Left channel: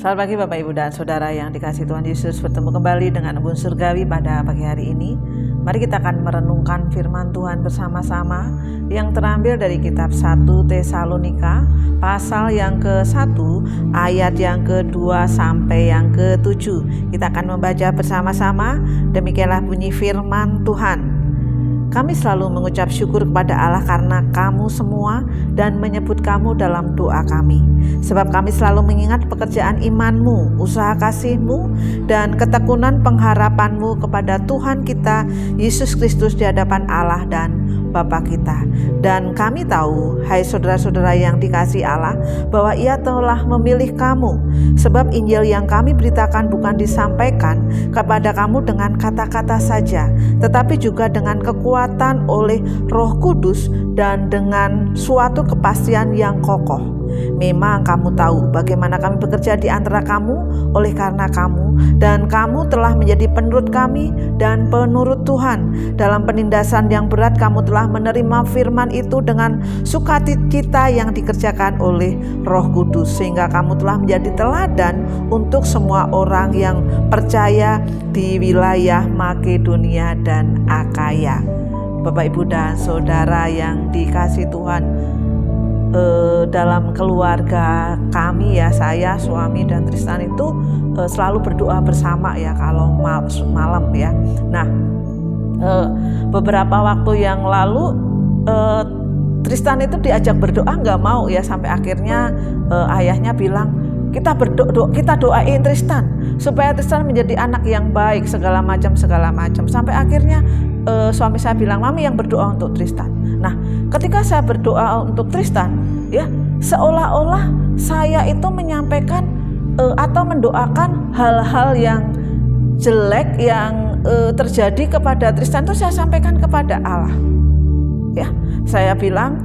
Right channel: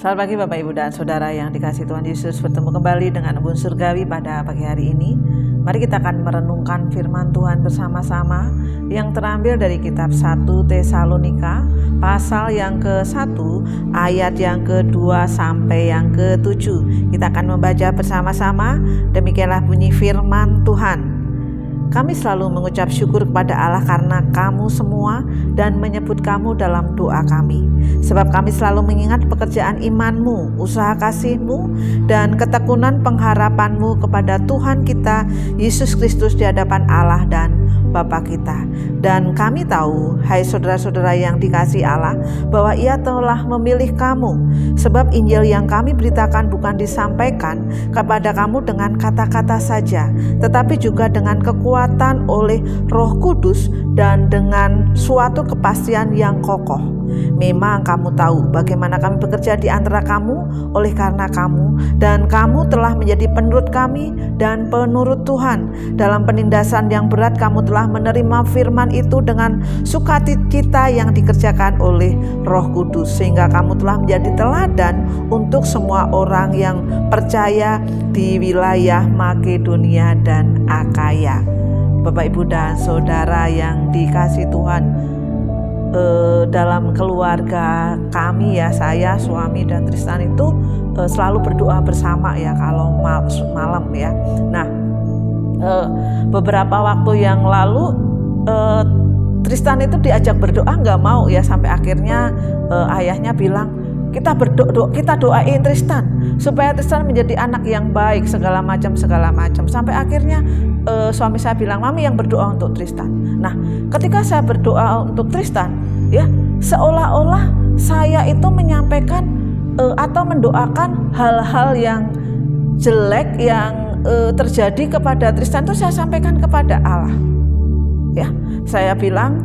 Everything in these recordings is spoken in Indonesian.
Selamat pagi Bapak Ibu dan Saudara yang dikasihi Tuhan Yesus. Bertemu kembali dengan Embun Surgawi pada pagi hari ini. Mari kita akan merenungkan firman Tuhan bersama-sama yang terambil dari kitab 1 Tesalonika pasal yang ke-1 ayat yang ke-2 sampai yang ke-7. Kita akan membaca bersama-sama. Demikianlah bunyi firman Tuhan. Kami selalu mengucap syukur kepada Allah karena kamu semua dan menyebut kamu dalam doa kami. Sebab kami selalu mengingat pekerjaan imanmu, usaha kasihmu, dan ketekunan pengharapanmu kepada Tuhan kita, Yesus Kristus di hadapan Allah dan Bapa kita. Dan kami tahu, hai saudara-saudara yang dikasihi Allah, bahwa Ia telah memilih kamu. Sebab Injil yang kami beritakan bukan disampaikan kepada kamu dengan kata-kata saja, tetapi juga dengan kekuatan oleh Roh Kudus dan dengan suatu kepastian yang kokoh. Memang kamu tahu bagaimana kami bekerja di antara kamu oleh karena kamu, dan kamu telah menjadi penurut kami dan penurut Tuhan. Dalam penindasan yang berat kamu telah menerima firman itu dengan sukacita yang dikerjakan oleh Roh Kudus, sehingga kamu telah menjadi teladan untuk semua orang yang percaya di wilayah Makedonia dan Akaya. Bapak, Ibu, dan Saudara yang dikasihi Tuhan, dalam keluarga kami ya, saya, suami, dan Tristan itu selalu berdoa bersama ya kalau malam ya. Nah, beberapa waktu yang lalu Tristan itu diajak berdoa nggak mau ya, sampai akhirnya ayahnya bilang, kita doain Tristan supaya Tristan menjadi anak yang baik segala macam. Sampai akhirnya suami saya bilang, mami yang berdoa untuk Tristan. Nah, ketika saya berdoa untuk Tristan, ya seolah-olah saya itu menyampaikan atau mendoakan hal-hal yang jelek yang terjadi kepada Tristan itu saya sampaikan kepada Allah. Ya, saya bilang,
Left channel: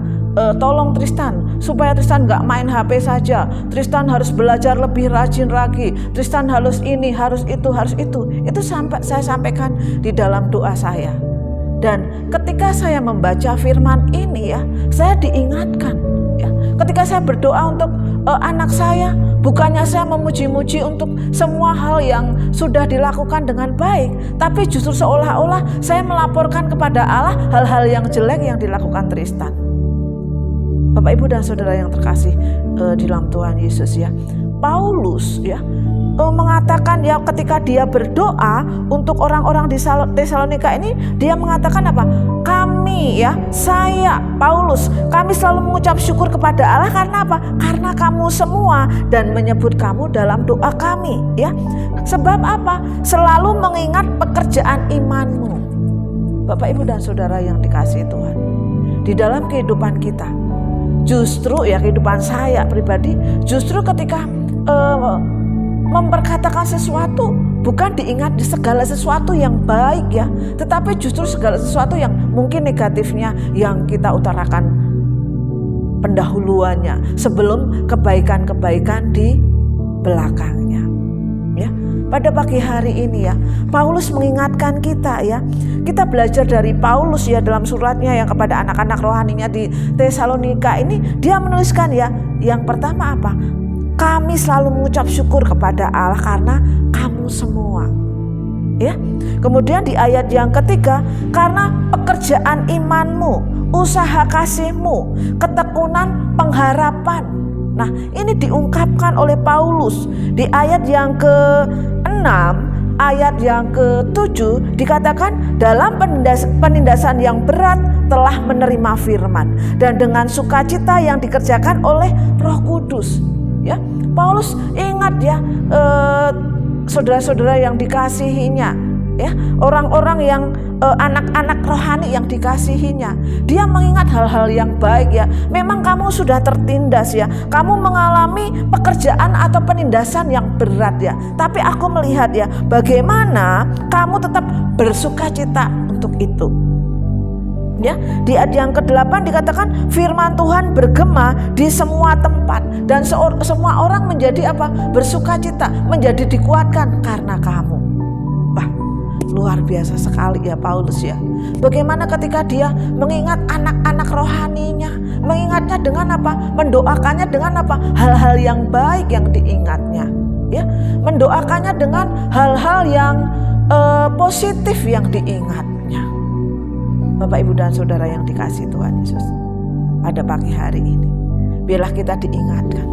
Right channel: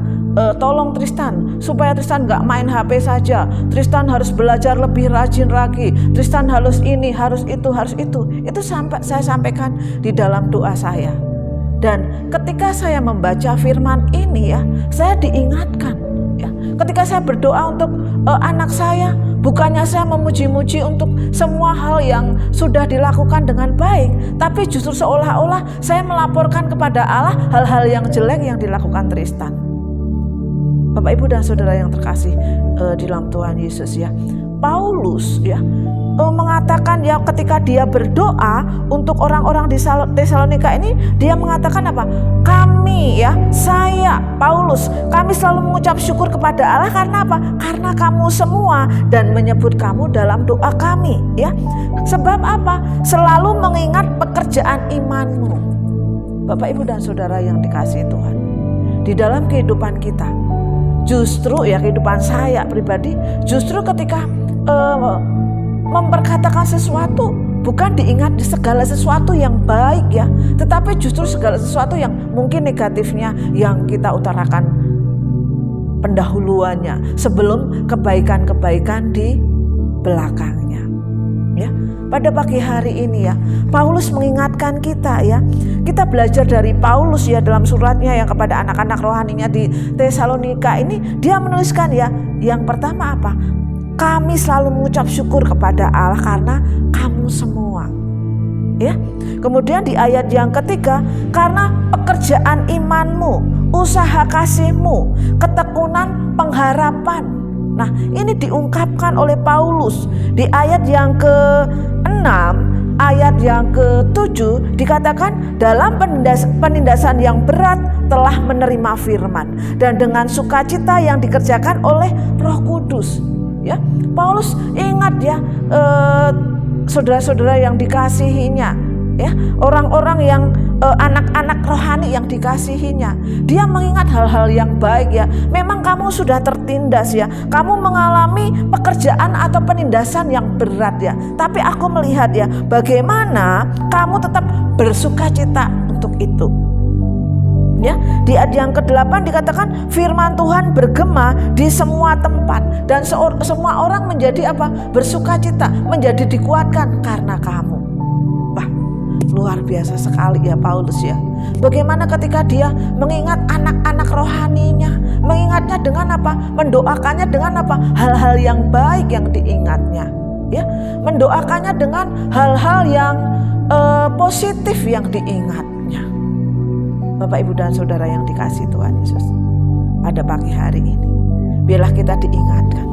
tolong Tristan supaya Tristan gak main HP saja. Tristan harus belajar lebih rajin lagi. Tristan harus ini, harus itu. Itu saya sampaikan di dalam doa saya. Dan ketika saya membaca firman ini ya, saya diingatkan ya. Ketika saya berdoa untuk anak saya, bukannya saya memuji-muji untuk semua hal yang sudah dilakukan dengan baik, tapi justru seolah-olah saya melaporkan kepada Allah hal-hal yang jelek yang dilakukan Tristan. Bapak, Ibu, dan Saudara yang terkasih di dalam Tuhan Yesus ya, Paulus ya mengatakan ya, ketika dia berdoa untuk orang-orang di Tesalonika ini, dia mengatakan apa? Kami ya, saya Paulus, kami selalu mengucap syukur kepada Allah karena apa? Karena kamu semua dan menyebut kamu dalam doa kami ya. Sebab apa? Selalu mengingat pekerjaan imanmu. Bapak, Ibu, dan Saudara yang dikasihi Tuhan, di dalam kehidupan kita, justru ya kehidupan saya pribadi, justru ketika memperkatakan sesuatu bukan diingat di segala sesuatu yang baik ya, tetapi justru segala sesuatu yang mungkin negatifnya yang kita utarakan pendahuluannya sebelum kebaikan-kebaikan di belakangnya ya. Pada pagi hari ini ya, Paulus mengingatkan kita ya. Kita belajar dari Paulus ya dalam suratnya yang kepada anak-anak rohaninya di Tesalonika ini, dia menuliskan ya, yang pertama apa? Kami selalu mengucap syukur kepada Allah karena kamu semua. Ya. Kemudian di ayat yang ketiga, karena pekerjaan imanmu, usaha kasihmu, ketekunan pengharapan. Nah, ini diungkapkan oleh Paulus di ayat yang ke-6, ayat yang ke-7 dikatakan dalam penindasan yang berat telah menerima firman dan dengan sukacita yang dikerjakan oleh Roh Kudus. Ya, Paulus ingat ya, saudara-saudara yang dikasihinya, ya, orang-orang yang anak-anak rohani yang dikasihinya, dia mengingat hal-hal yang baik ya. Memang kamu sudah tertindas ya, kamu mengalami pekerjaan atau penindasan yang berat ya, tapi aku melihat ya, bagaimana kamu tetap bersukacita untuk itu. Ya, di ayat yang ke-8 dikatakan firman Tuhan bergema di semua tempat dan semua orang menjadi apa? Bersukacita, menjadi dikuatkan karena kamu. Wah, luar biasa sekali ya Paulus ya. Bagaimana ketika dia mengingat anak-anak rohaninya, mengingatnya dengan apa? Mendoakannya dengan apa? Hal-hal yang baik yang diingatnya. ya, mendoakannya dengan hal-hal yang positif yang diingatnya. Bapak, Ibu, dan Saudara yang dikasihi Tuhan Yesus, pada pagi hari ini biarlah kita diingatkan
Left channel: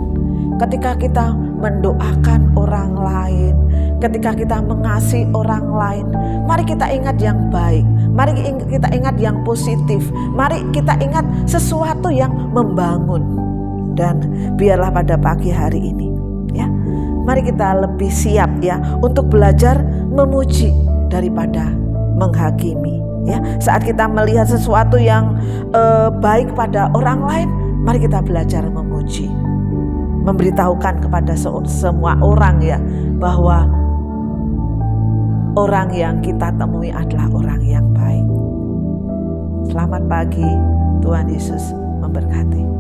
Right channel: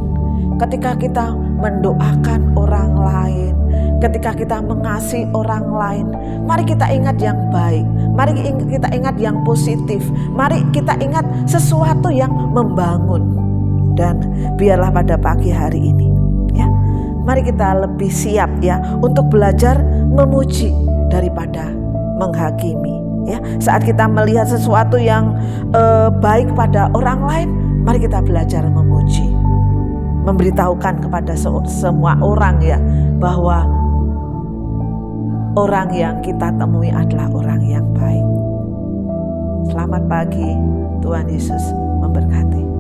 ketika kita mendoakan orang lain, ketika kita mengasihi orang lain, mari kita ingat yang baik, mari kita ingat yang positif, mari kita ingat sesuatu yang membangun. Dan biarlah pada pagi hari ini, ya, mari kita lebih siap, ya, untuk belajar memuji daripada menghakimi. Ya, saat kita melihat sesuatu yang baik pada orang lain, mari kita belajar memuji, memberitahukan kepada semua orang, ya, bahwa orang yang kita temui adalah orang yang baik. Selamat pagi, Tuhan Yesus memberkati.